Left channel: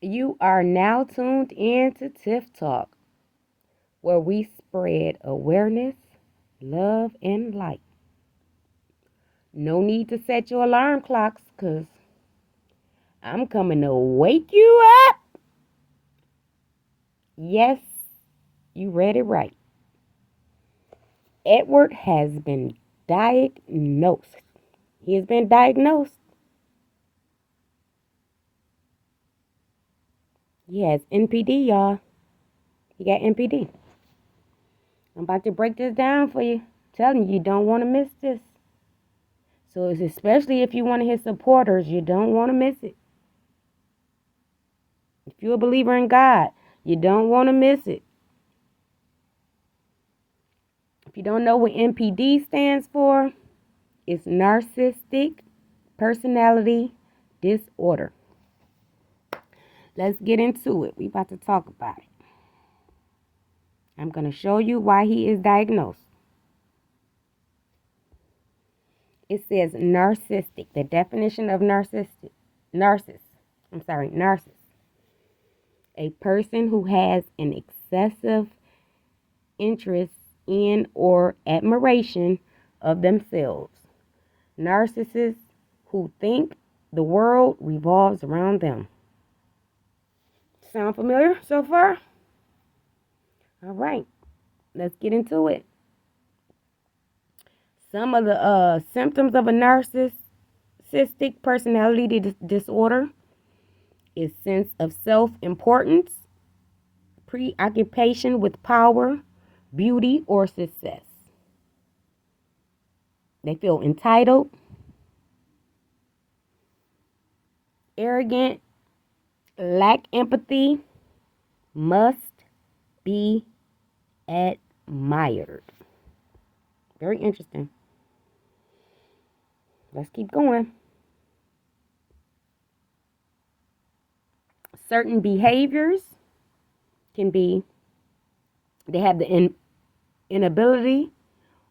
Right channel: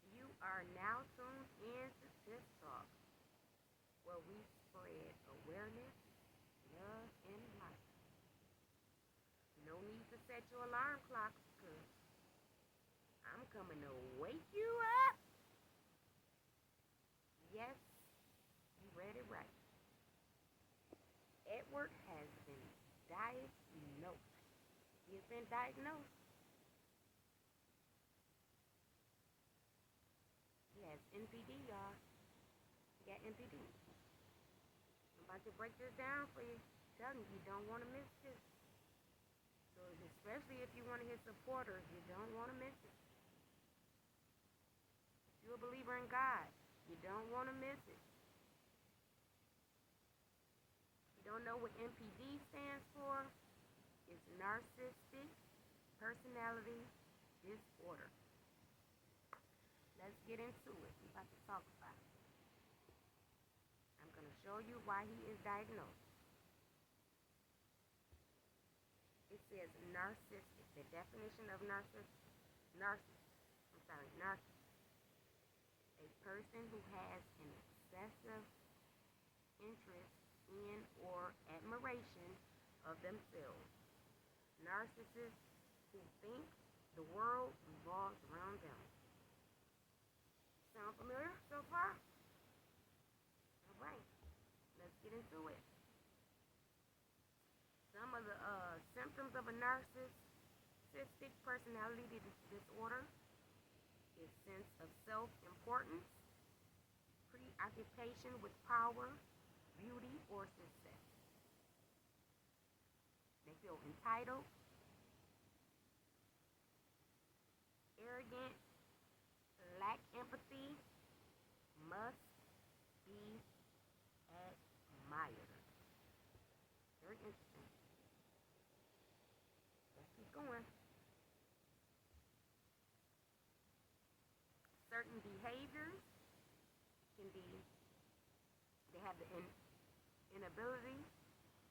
You are now tuned in to Tiff Talk, where we spread awareness, love, and light. No need to set your alarm clocks, because I'm coming to wake you up. Yes, you read it right. Edward has been diagnosed. He has been diagnosed. He has NPD, y'all. He got NPD. I'm about to break this down for you. Telling you, you don't want to miss this. So it's especially if you're one of his supporters, you don't want to miss it. If you're a believer in God, you don't want to miss it. If you don't know what NPD stands for, it's narcissistic personality disorder. Let's get into it. We about to talk about it. I'm going to show you why he is diagnosed. It says narcissistic. The definition of narcissist. A person who has an excessive interest in or admiration of themselves. Narcissists who think the world revolves around them. Sound familiar so far? All right, let's get into it. Some of the symptoms of a narcissistic personality disorder is sense of self-importance, preoccupation with power, beauty, or success. They feel entitled, arrogant, lack empathy, must be admired. Very interesting. Let's keep going. Certain behaviors can be, they have the inability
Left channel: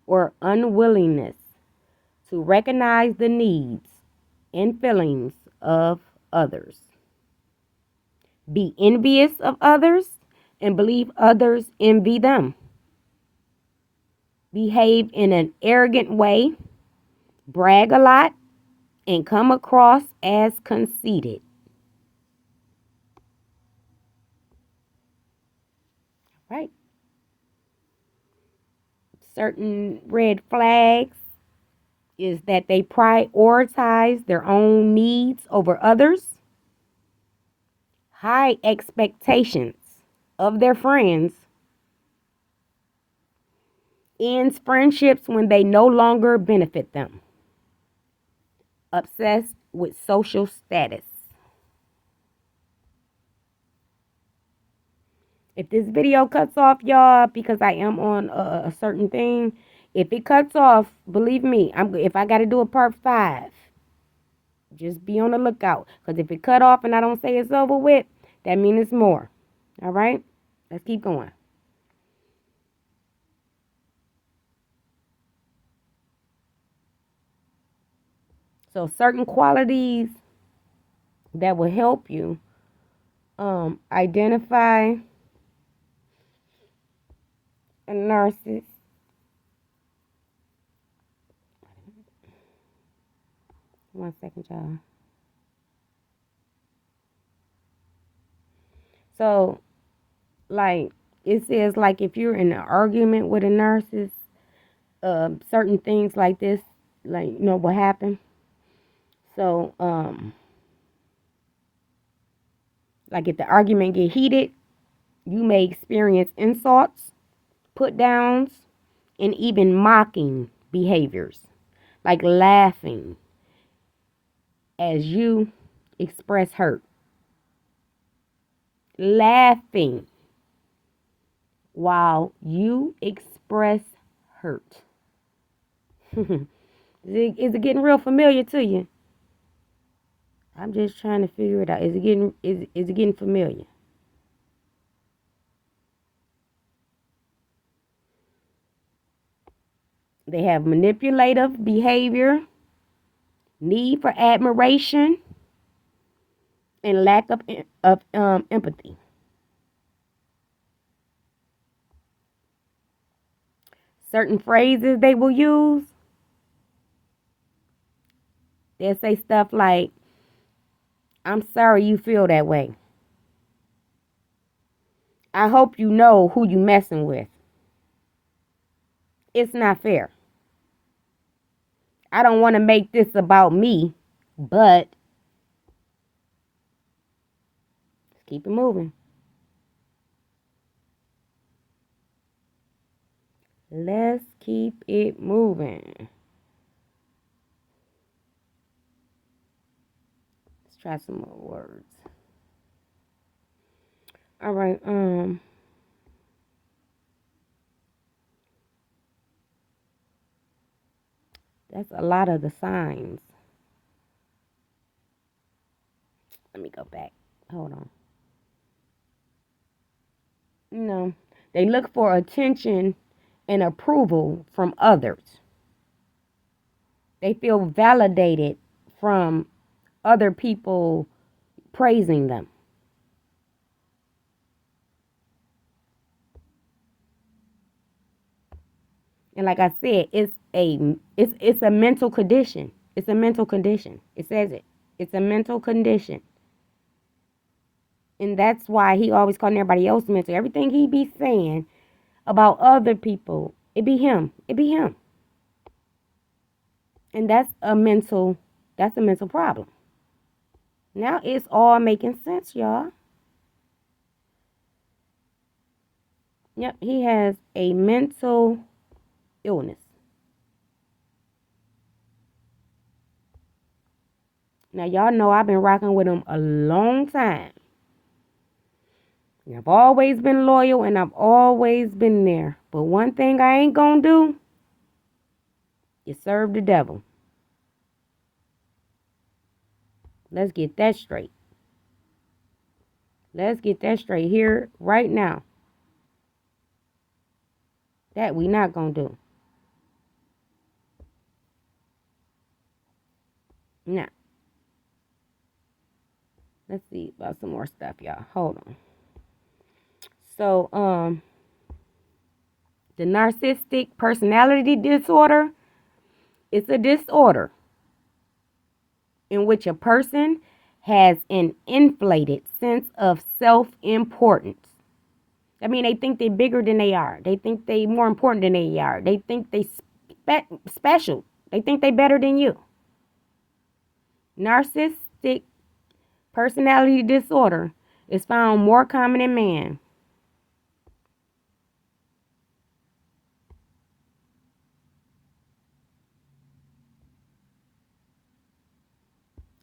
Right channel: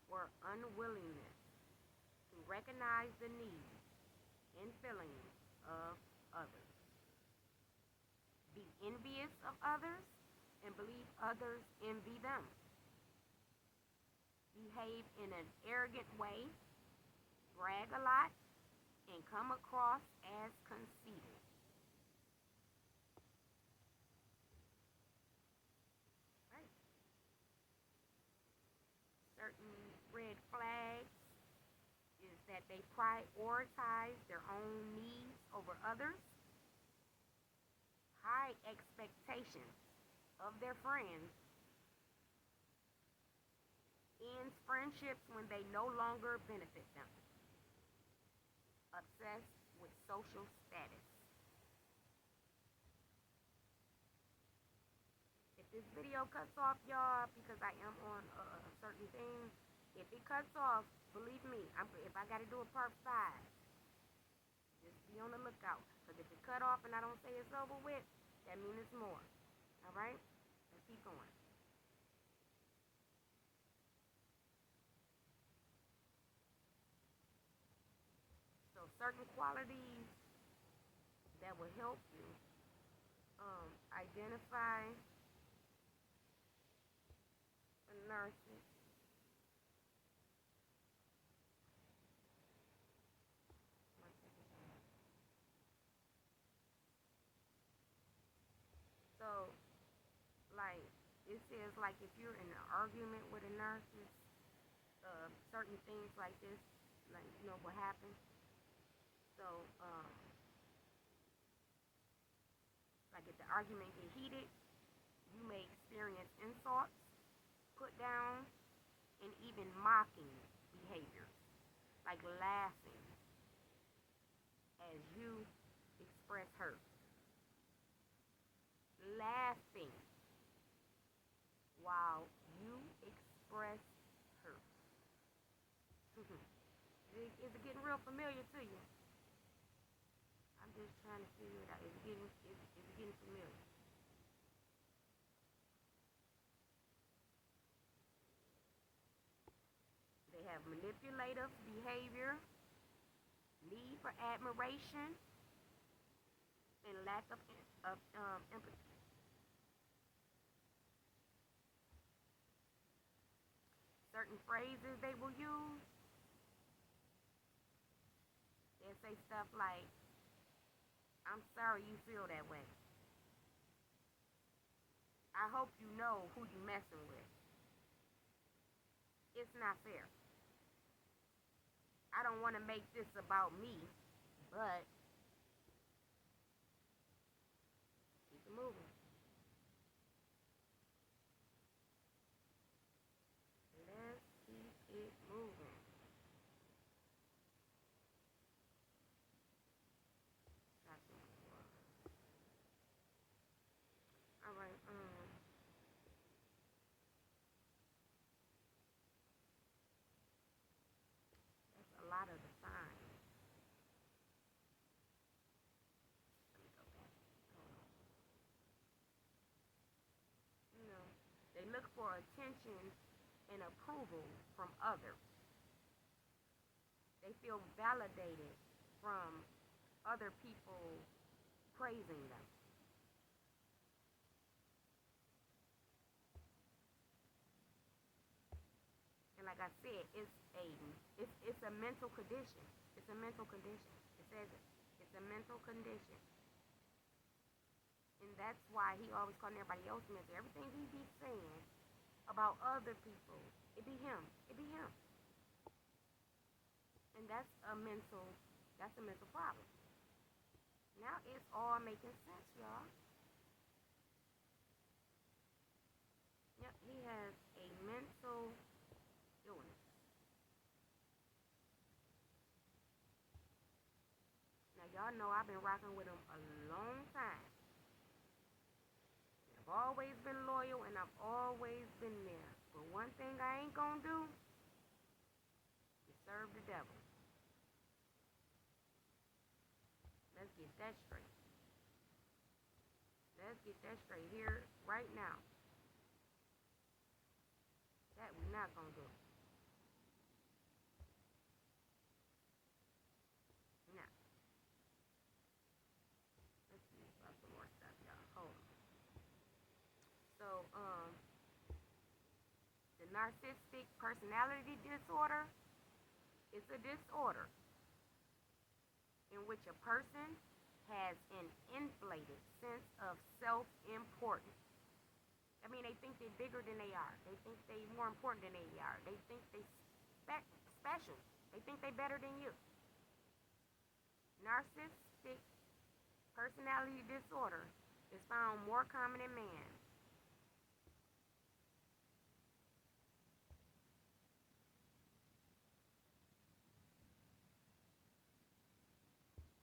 or unwillingness to recognize the needs and feelings of others, be envious of others, and believe others envy them, behave in an arrogant way, brag a lot, and come across as conceited. Right? Certain red flags is that they prioritize their own needs over others, high expectations of their friends, ends friendships when they no longer benefit them, obsessed with social status. If this video cuts off, y'all, because I am on a certain thing, if it cuts off, believe me, if I got to do a part 5, just be on the lookout. Because if it cut off and I don't say it's over with, that means it's more. All right? Let's keep going. So certain qualities that will help you identify a narcissist. One second, y'all. So, like, it says, like, if you're in an argument with a narcissist, certain things like this, like, what happened. So, like, if the argument get heated, you may experience insults, put downs, and even mocking behaviors, like laughing as you express hurt. Laughing while you express hurt. Is it getting real familiar to you? I'm just trying to figure it out. Is it getting familiar? They have manipulative behavior, need for admiration, and lack of empathy. Certain phrases they will use, they'll say stuff like, "I'm sorry you feel that way. I hope you know who you messing with. It's not fair. I don't want to make this about me, but let's keep it moving. Let's keep it moving. Let's try some more words. All right, that's a lot of the signs. Let me go back. Hold on. No, they look for attention and approval from others. They feel validated from other people praising them. And like I said, it's a mental condition. It's a mental condition. It says it. It's a mental condition. And that's why he always calling everybody else mental. Everything he be saying about other people, it be him. It be him. And that's a mental problem. Now it's all making sense, y'all. Yep, he has a mental illness. Now y'all know I've been rocking with him a long time. And I've always been loyal and I've always been there. But one thing I ain't gonna do is serve the devil. Let's get that straight. Let's get that straight here right now. That we not gonna do. Now, let's see about some more stuff, y'all. Hold on. So, the narcissistic personality disorder is a disorder in which a person has an inflated sense of self-importance. I mean, they think they're bigger than they are. They think they're more important than they are. They think they special. They think they're better than you. Narcissistic personality disorder is found more common in men.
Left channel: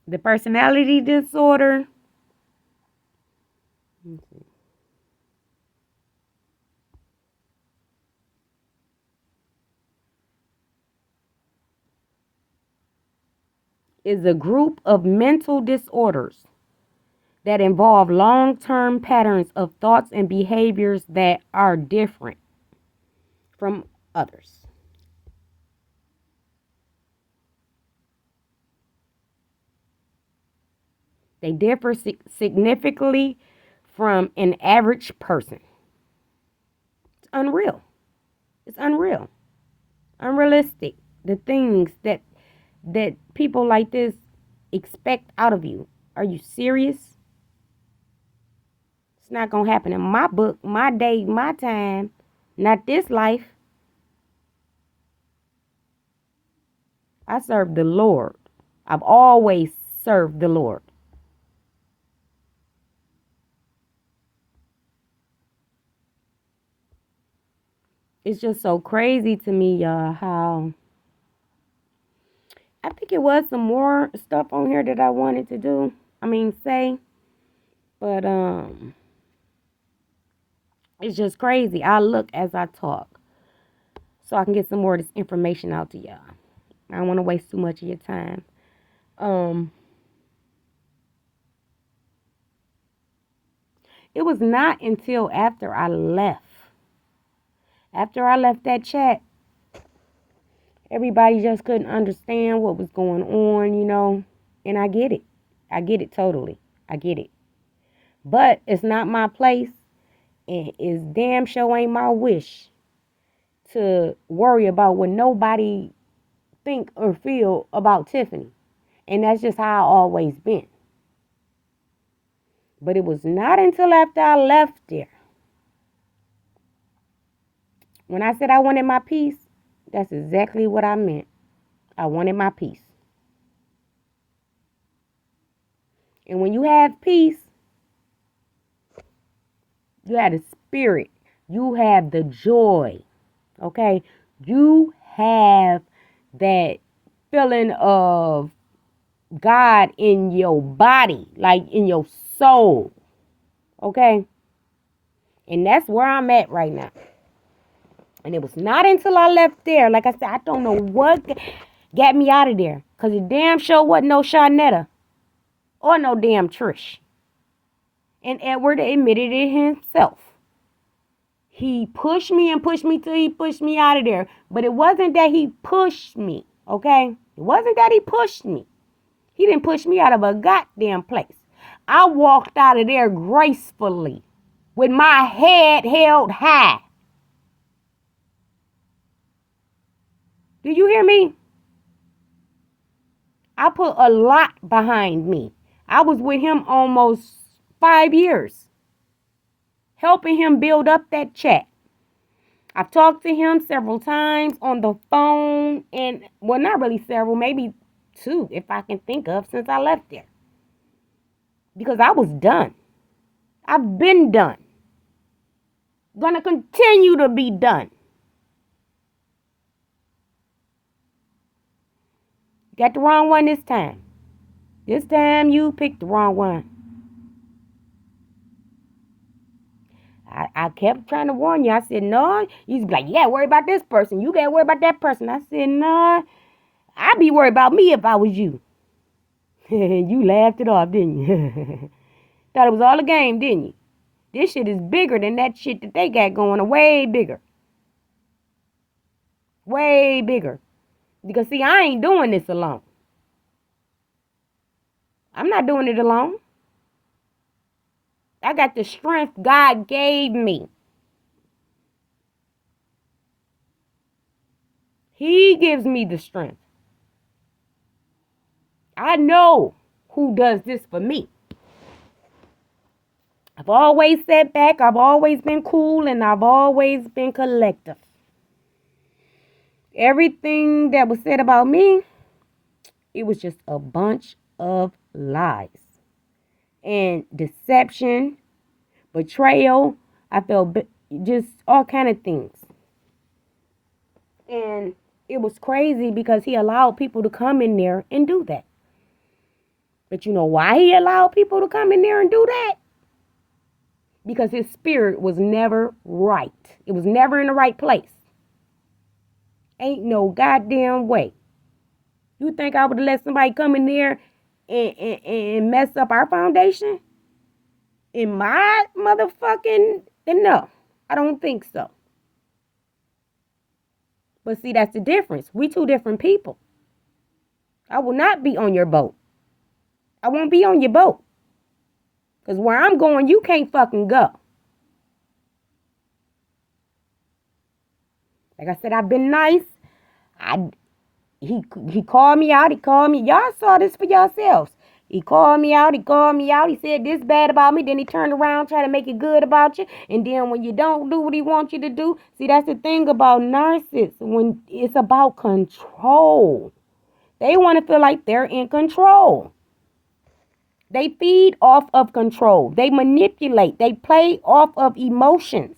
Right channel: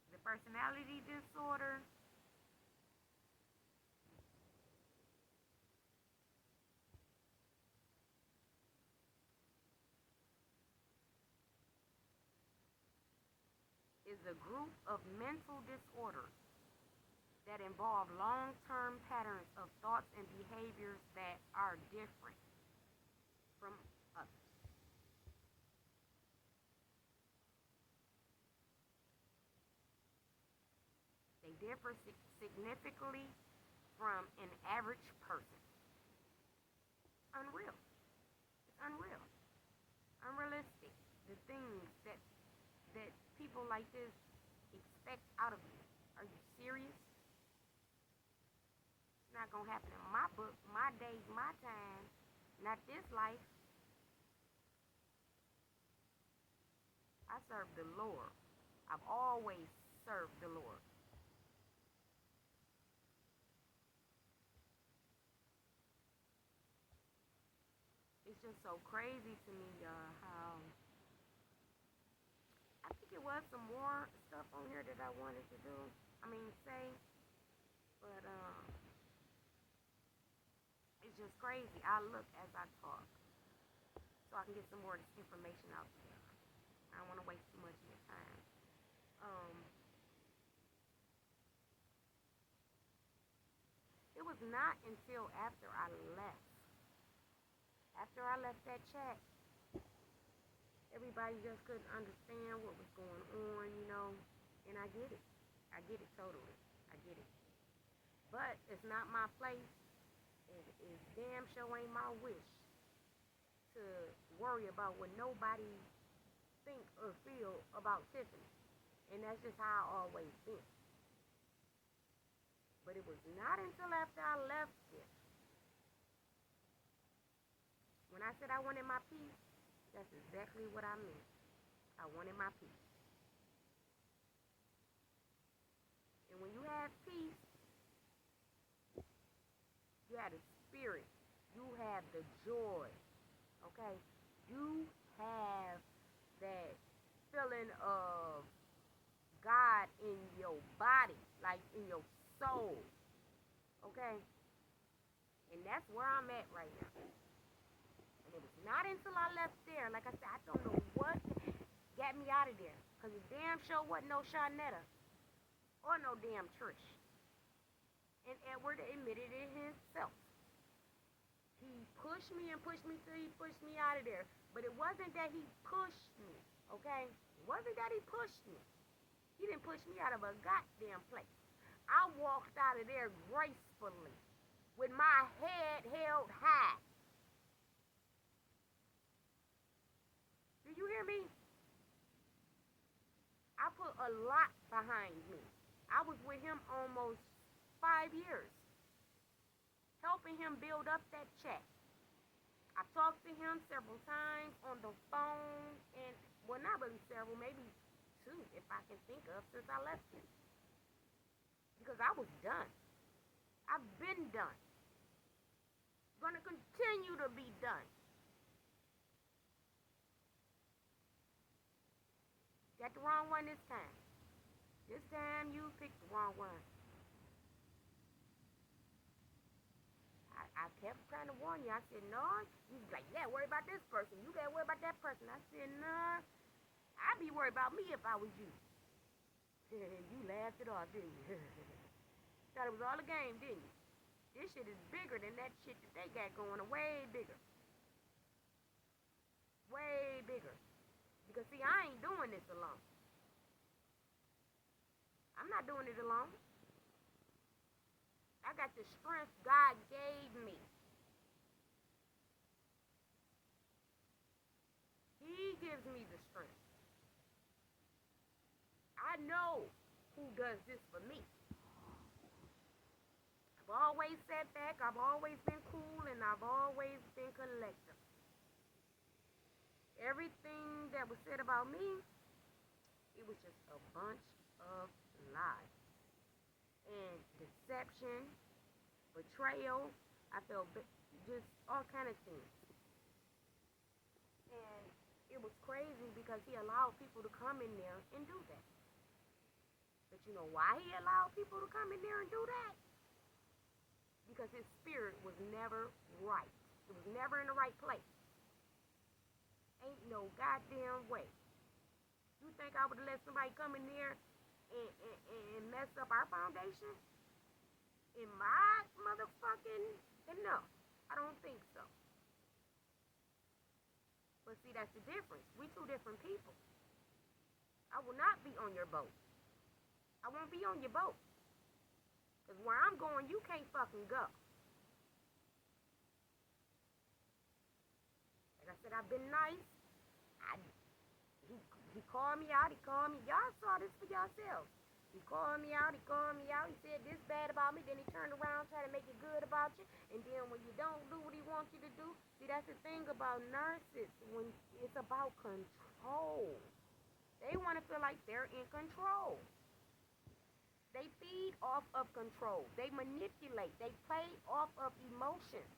The personality disorder is a group of mental disorders that involve long-term patterns of thoughts and behaviors that are different from others. They differ significantly from an average person. It's unreal. It's unreal. Unrealistic. The things that people like this expect out of you. Are you serious? It's not gonna happen in my book, my day, my time, not this life. I serve the Lord. I've always served the Lord. It's just so crazy to me, y'all, how I think it was some more stuff on here that I wanted to do. I mean, say, but it's just crazy. I look as I talk so I can get some more of this information out to y'all. I don't want to waste too much of your time. Um, it was not until after I left that chat, everybody just couldn't understand what was going on, and I get it. I get it totally. I get it. But it's not my place, and it's damn sure ain't my wish to worry about what nobody think or feel about Tiffany. And that's just how I always been. But it was not until after I left there. When I said I wanted my peace, that's exactly what I meant. I wanted my peace. And when you have peace, you have the spirit. You have the joy. Okay? You have that feeling of God in your body, like in your soul. Okay? And that's where I'm at right now. And it was not until I left there, like I said, I don't know what got me out of there. Because it damn sure wasn't no Shanetta or no damn Trish. And Edward admitted it himself. He pushed me and pushed me till he pushed me out of there. But it wasn't that he pushed me, okay? It wasn't that he pushed me. He didn't push me out of a goddamn place. I walked out of there gracefully with my head held high. Do you hear me? I put a lot behind me. I was with him almost 5 years, helping him build up that chat. I've talked to him several times on the phone, and well, not really several, maybe 2 if I can think of, since I left there. Because I was done. I've been done. Gonna continue to be done. Got the wrong one this time. This time you picked the wrong one. I kept trying to warn you. I said, no. You be like, yeah, worry about this person. You gotta worry about that person. I said, no. I'd be worried about me if I was you. You laughed it off, didn't you? Thought it was all a game, didn't you? This shit is bigger than that shit that they got going on. Way bigger. Way bigger. Because, see, I ain't doing this alone. I'm not doing it alone. I got the strength God gave me. He gives me the strength. I know who does this for me. I've always sat back. I've always been cool, and I've always been collective. Everything that was said about me, it was just a bunch of lies and deception, betrayal. I felt just all kind of things. And it was crazy because he allowed people to come in there and do that. But you know why he allowed people to come in there and do that? Because his spirit was never right. It was never in the right place. Ain't no goddamn way. You think I would have let somebody come in there and mess up our foundation? In my motherfucking... No, I don't think so. But see, that's the difference. We 2 different people. I will not be on your boat. I won't be on your boat. Because where I'm going, you can't fucking go. Like I said, I've been nice. He called me out. He called me. Y'all saw this for yourselves. He called me out. He said this bad about me. Then he turned around, try to make it good about you. And then when you don't do what he wants you to do, see, that's the thing about narcissists. When it's about control. They want to feel like they're in control. They feed off of control. They manipulate. They play off of emotions.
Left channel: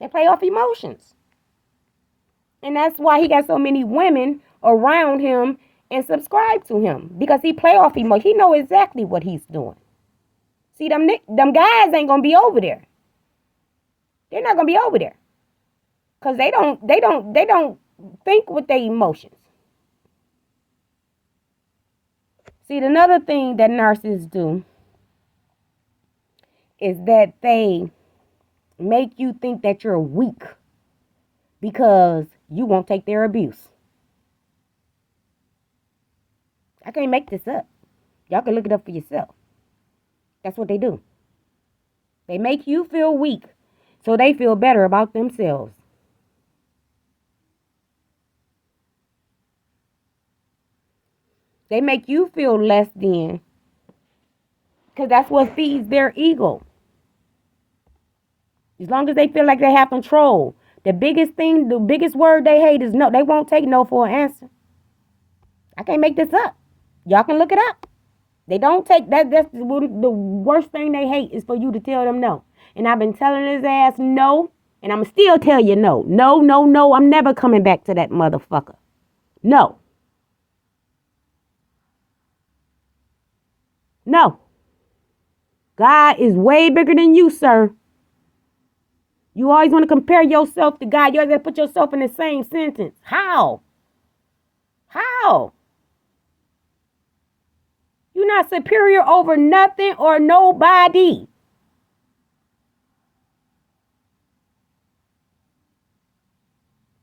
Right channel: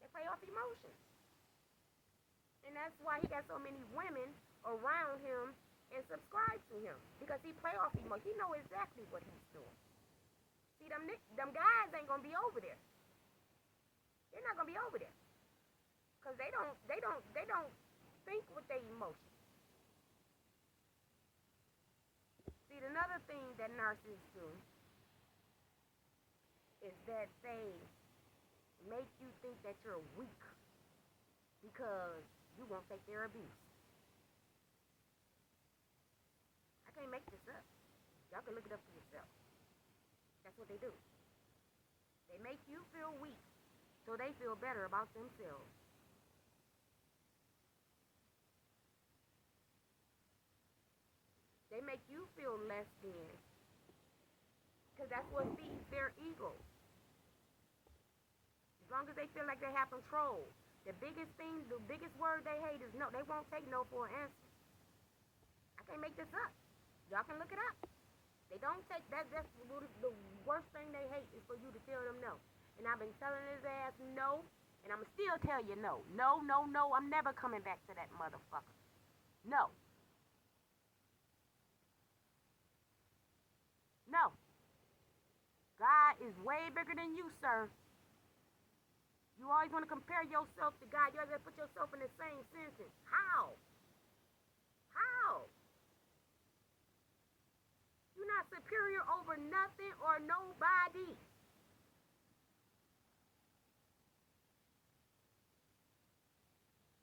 They play off emotions. And that's why he got so many women around him and subscribe to him. Because he play off emotion. He know exactly what he's doing. See, them guys ain't going to be over there. They're not going to be over there. Because they don't think with their emotions. See, another thing that narcissists do is that they make you think that you're weak because you won't take their abuse. I can't make this up. Y'all can look it up for yourself. That's what they do. They make you feel weak so they feel better about themselves. They make you feel less than because that's what feeds their ego. As long as they feel like they have control. The biggest thing, the biggest word they hate is no. They won't take no for an answer. I can't make this up. Y'all can look it up. They don't take that. That's the worst thing they hate is for you to tell them no. And I've been telling his ass no. And I'm still tell you no. No, no, no. I'm never coming back to that motherfucker. No. No. God is way bigger than you, sir. You always want to compare yourself to God. You always got to put yourself in the same sentence. How? How? You're not superior over nothing or nobody.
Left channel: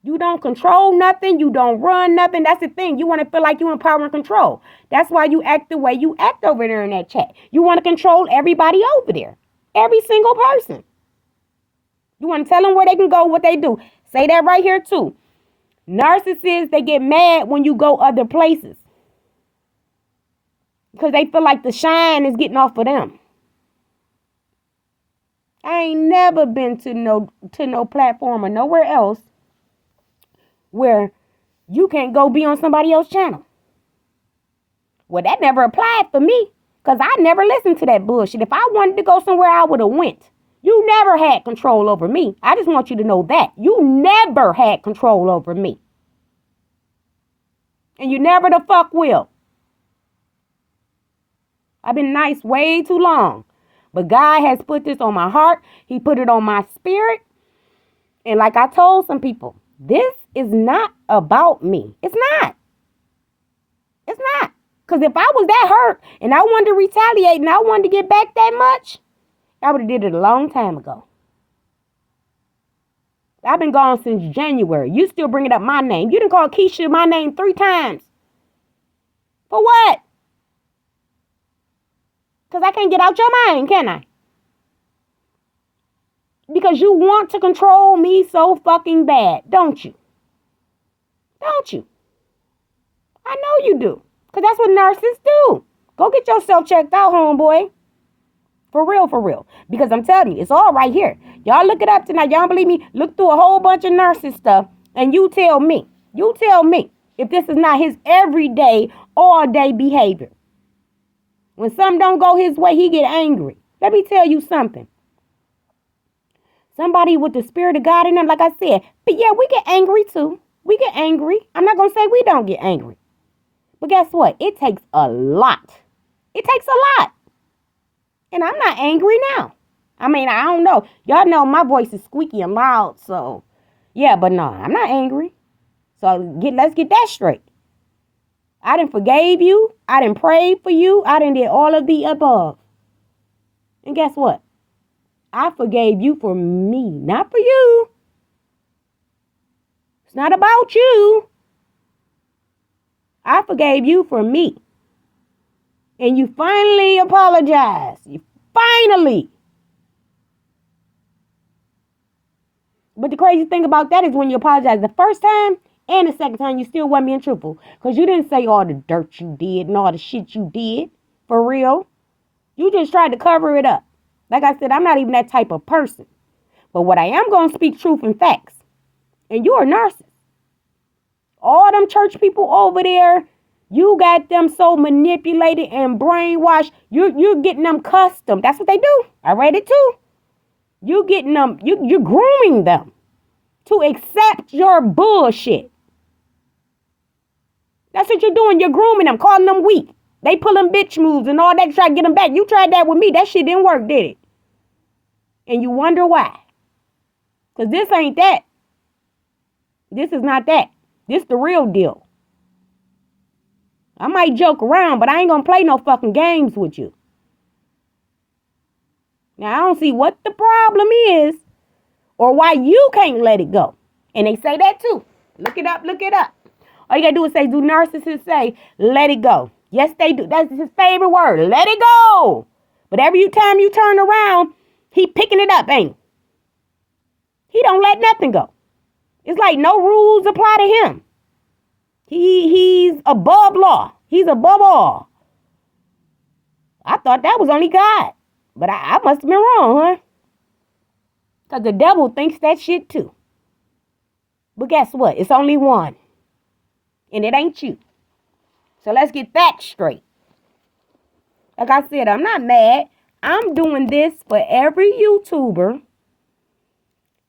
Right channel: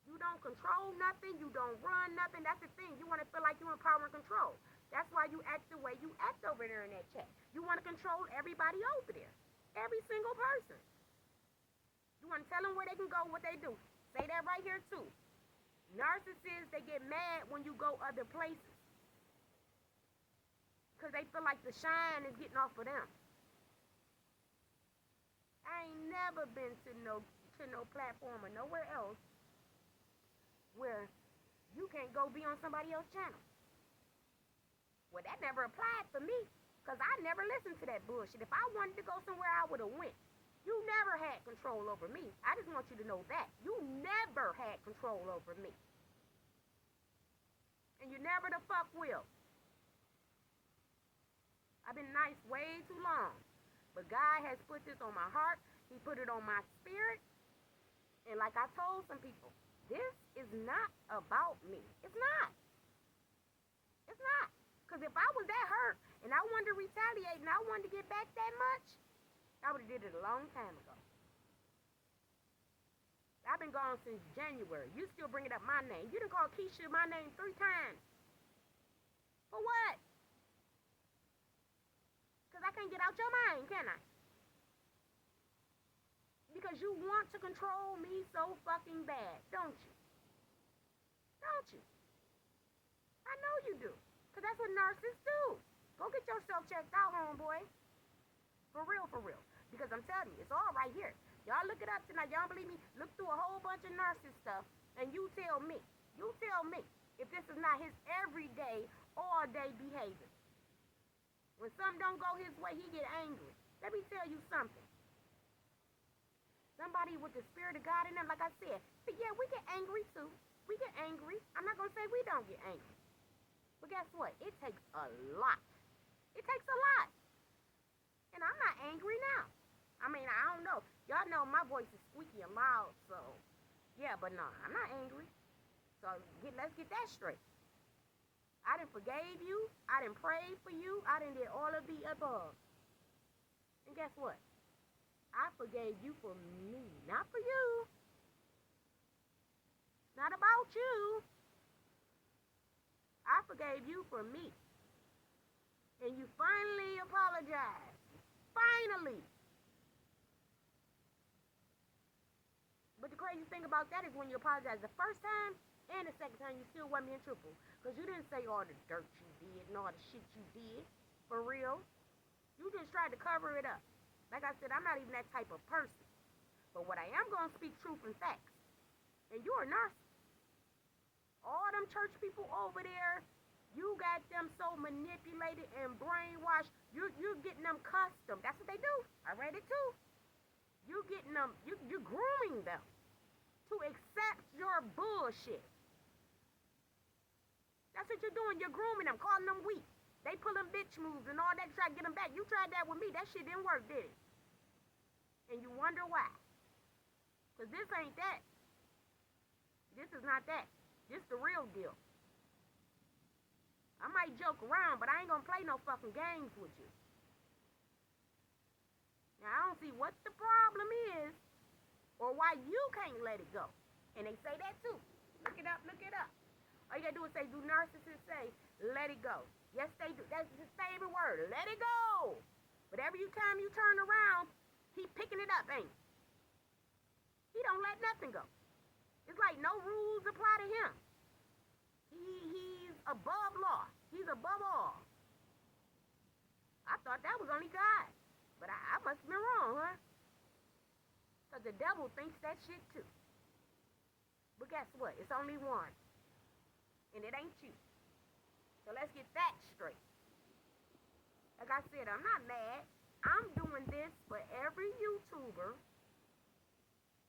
You don't control nothing. You don't run nothing. That's the thing. You want to feel like you in power and control. That's why you act the way you act over there in that chat. You want to control everybody over there. Every single person. You want to tell them where they can go, what they do. Say that right here too. Narcissists, they get mad when you go other places. Because they feel like the shine is getting off of them. I ain't never been to no platform or nowhere else where you can't go be on somebody else's channel. Well, that never applied for me because I never listened to that bullshit. If I wanted to go somewhere, I would have went. You never had control over me. I just want you to know that. You never had control over me. And you never the fuck will. I've been nice way too long. But God has put this on my heart. He put it on my spirit. And like I told some people, this is not about me. It's not. It's not. Because if I was that hurt and I wanted to retaliate and I wanted to get back that much, I would have did it a long time ago. I've been gone since January. You still bringing up my name. You done called Keisha my name 3 times. For what? Because I can't get out your mind, can I? Because you want to control me so fucking bad, don't you? Don't you? I know you do. Because that's what narcissists do. Go get yourself checked out, homeboy. For real, for real. Because I'm telling you, it's all right here. Y'all look it up tonight. Y'all don't believe me? Look through a whole bunch of narcissist stuff. And you tell me if this is not his everyday, all-day behavior. When something don't go his way, he get angry. Let me tell you something. Somebody with the spirit of God in them, like I said, but yeah, we get angry too. We get angry. I'm not going to say we don't get angry. But guess what? It takes a lot. It takes a lot. And I'm not angry now. I mean, I don't know. Y'all know my voice is squeaky and loud, so yeah, but no, I'm not angry. So let's get that straight. I done forgave you. I done prayed for you. I done did all of the above. And guess what? I forgave you for me, not for you. It's not about you. I forgave you for me. And you finally apologized. You finally. But the crazy thing about that is when you apologize the first time and the second time, you still wasn't being truthful. Because you didn't say all the dirt you did and all the shit you did. For real. You just tried to cover it up. Like I said, I'm not even that type of person. But what I am going to speak truth and facts. And you're a narcissist. All them church people over there, you got them so manipulated and brainwashed. You're getting them custom. That's what they do. I read it too. You getting them, you're grooming them to accept your bullshit. That's what you're doing. You're grooming them, calling them weak. They pulling bitch moves and all that to try to get them back. You tried that with me. That shit didn't work, did it? And you wonder why. Because this ain't that. This is not that. This the real deal. I might joke around, but I ain't gonna play no fucking games with you. Now, I don't see what the problem is or why you can't let it go. And they say that too. Look it up, look it up. All you gotta do is say, do narcissists say, let it go? Yes, they do. That's his favorite word. Let it go. But every time you turn around, he picking it up, ain't he? He don't let nothing go. It's like no rules apply to him. He's above law. He's above all. I thought that was only God. But I must have been wrong, huh? Because the devil thinks that shit too. But guess what? It's only one. And it ain't you. So let's get that straight. Like I said, I'm not mad. I'm doing this for every YouTuber,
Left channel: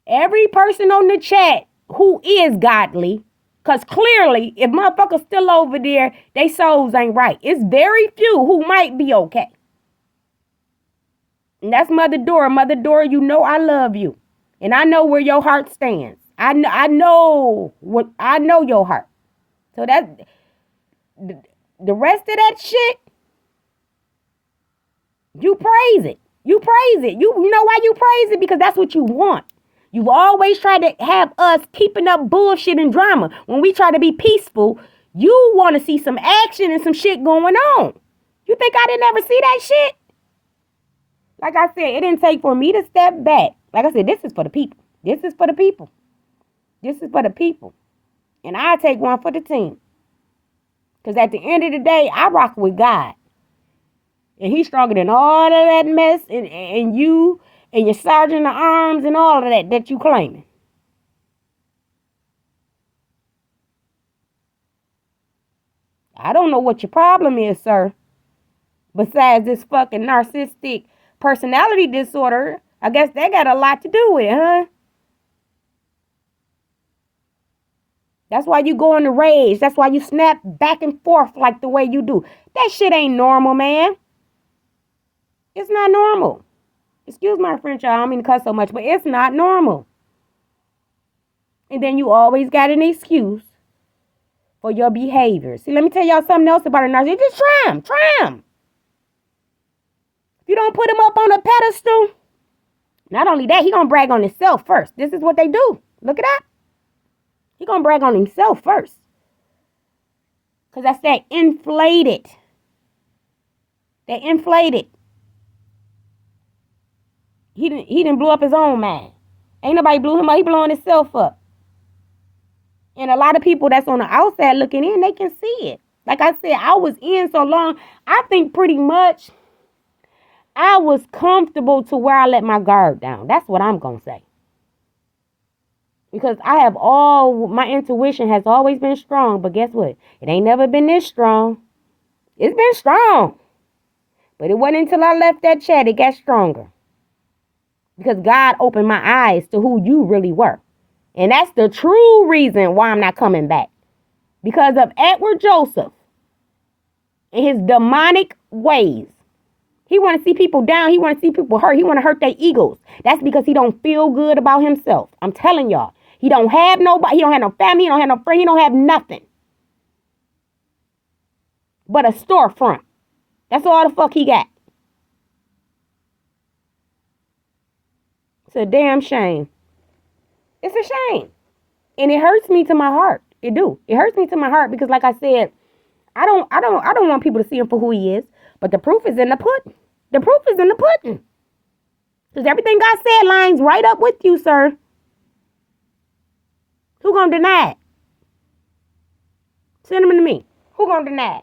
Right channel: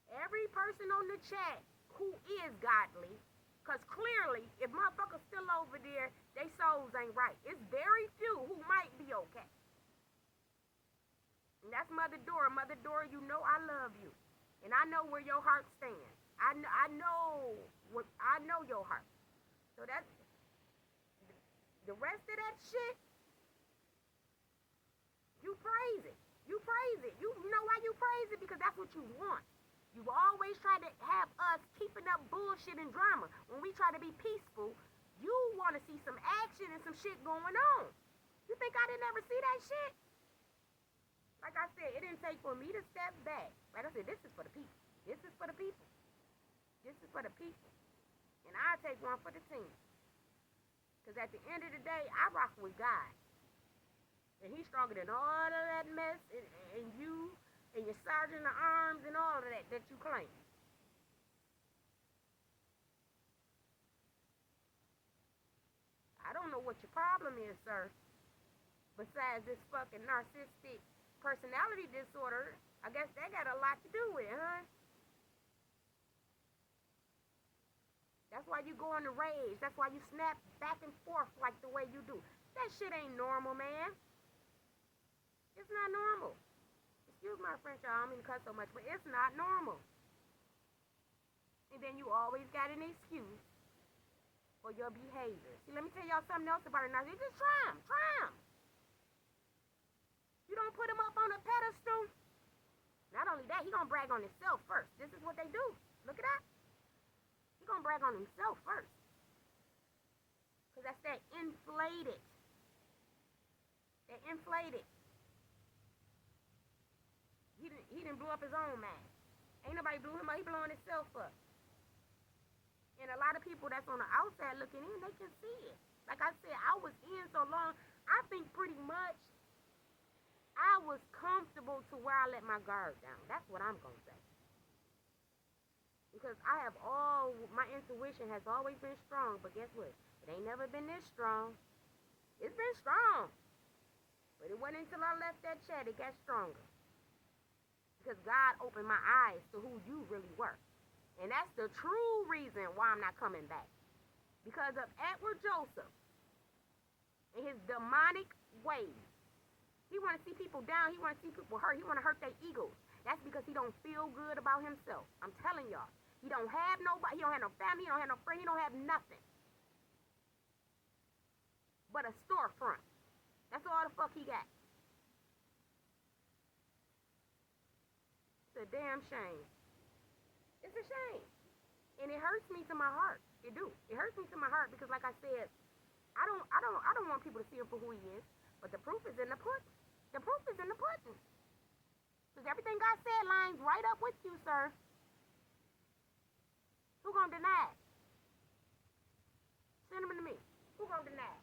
every person on the chat who is godly. Because clearly, if motherfuckers still over there, they souls ain't right. It's very few who might be okay. And that's Mother Dora. Mother Dora, you know I love you. And I know where your heart stands. I know your heart. So that the rest of that shit, you praise it. You praise it. You know why you praise it? Because that's what you want. You've always tried to have us keeping up bullshit and drama. When we try to be peaceful, you want to see some action and some shit going on. You think I didn't ever see that shit? Like I said, it didn't take for me to step back. Like I said, this is for the people. This is for the people. This is for the people. And I take one for the team. Because at the end of the day, I rock with God. And he's stronger than all of that mess and you and your sergeant of arms and all of that you claiming. I don't know what your problem is, sir. Besides this fucking narcissistic personality disorder, I guess that got a lot to do with it, huh? That's why you go in a rage. That's why you snap back and forth like the way you do. That shit ain't normal, man. It's not normal. Excuse my French, y'all. I don't mean to cuss so much, but it's not normal. And then you always got an excuse for your behavior. See, let me tell y'all something else about a narcissist. Just try him. Try him. If you don't put him up on a pedestal, not only that, he gonna brag on himself first. This is what they do. Look at that. He gonna brag on himself first. Because that's that inflated. That inflated. He didn't blow up his own mind. Ain't nobody blew him up. He blowing himself up. And a lot of people that's on the outside looking in, they can see it. Like I said, I was in so long, I think pretty much I was comfortable to where I let my guard down. That's what I'm going to say. Because my intuition has always been strong. But guess what? It ain't never been this strong. It's been strong. But it wasn't until I left that chat it got stronger. Because God opened my eyes to who you really were. And that's the true reason why I'm not coming back. Because of Edward Joseph and his demonic ways. He want to see people down. He want to see people hurt. He want to hurt their egos. That's because he don't feel good about himself. I'm telling y'all. He don't have nobody. He don't have no family. He don't have no friend. He don't have nothing. But a storefront. That's all the fuck he got. It's a damn shame. It's a shame. And it hurts me to my heart. It do. It hurts me to my heart because like I said, I don't want people to see him for who he is. But the proof is in the pudding. The proof is in the pudding. Because everything God said lines right up with you, sir. Who gonna deny it? Send them to me. Who gonna deny it?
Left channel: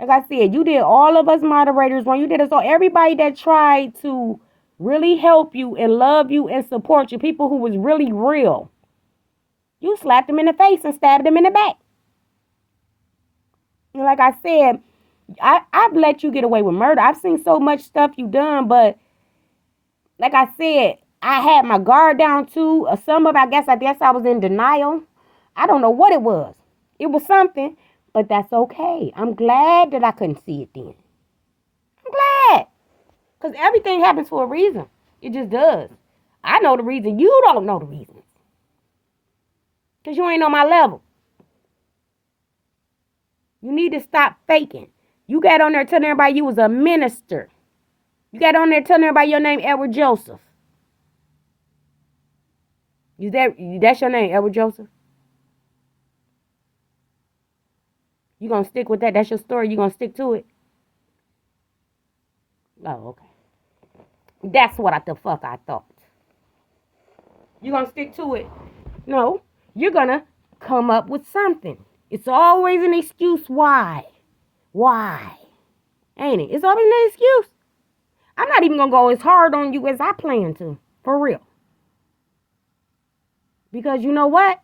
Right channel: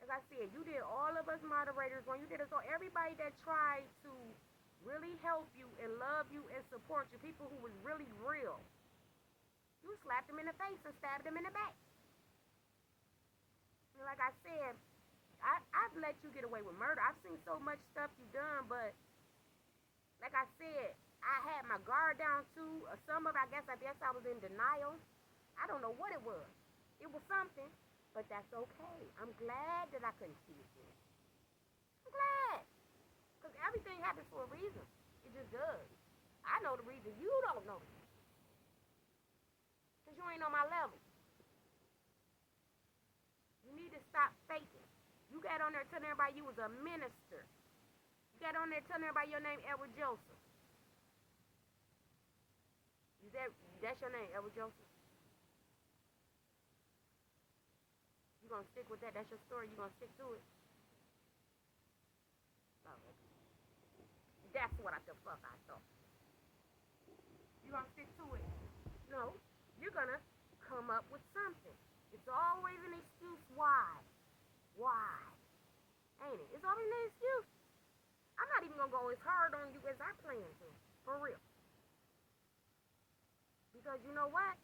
Like I said, you did all of us moderators wrong. You did us all. Everybody that tried to really help you and love you and support you, people who was really real, you slapped them in the face and stabbed them in the back. And like I said, I've let you get away with murder. I've seen so much stuff you done, but like I said, I had my guard down too. Some of it, I guess I was in denial. I don't know what it was. It was something, but that's okay. I'm glad that I couldn't see it then. I'm glad. Because everything happens for a reason. It just does. I know the reason. You don't know the reason. Because you ain't on my level. You need to stop faking. You got on there telling everybody you was a minister. You got on there telling everybody your name Edward Joseph. That's your name, Edward Joseph? You gonna stick with that? That's your story. You gonna stick to it? Oh, okay. That's what the fuck I thought. You gonna stick to it? No. You're gonna come up with something. It's always an excuse why. Why? Ain't it? It's always an excuse. I'm not even gonna go as hard on you as I plan to. For real. Because you know what?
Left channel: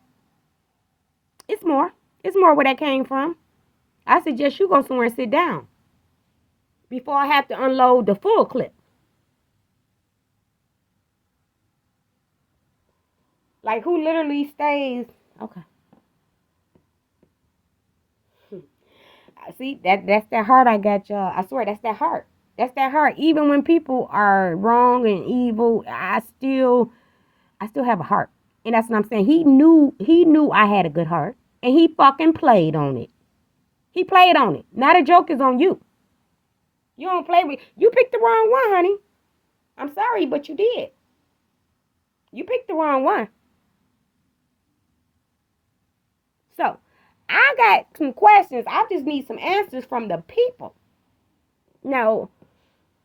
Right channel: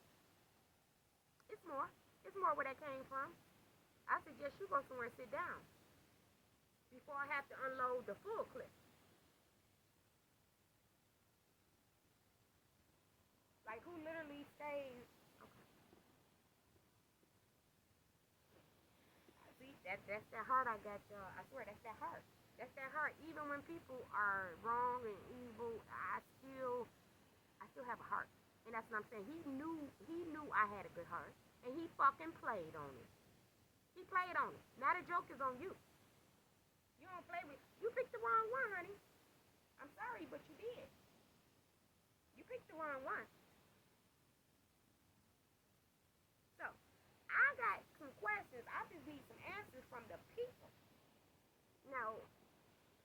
It's more. It's more where that came from. I suggest you go somewhere and sit down before I have to unload the full clip. Like who literally stays? Okay. See, that's that heart I got, y'all. I swear that's that heart. That's that heart. Even when people are wrong and evil, I still have a heart. And that's what I'm saying. He knew I had a good heart. And he fucking played on it. He played on it. Now the joke is on you. You don't play with you picked the wrong one, honey. I'm sorry, but you did. You picked the wrong one. So I got some questions. I just need some answers from the people. Now,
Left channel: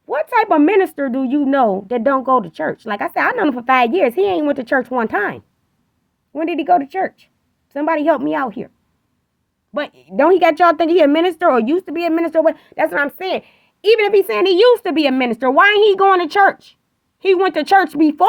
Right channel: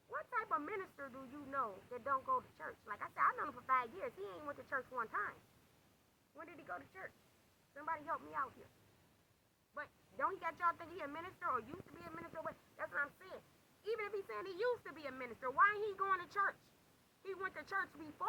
what type of minister do you know that don't go to church? Like I said, I know him for 5 years. He ain't went to church one time. When did he go to church? Somebody help me out here. But don't he got y'all think he a minister or used to be a minister? That's what I'm saying. Even if he's saying he used to be a minister, why ain't he going to church? He went to church before.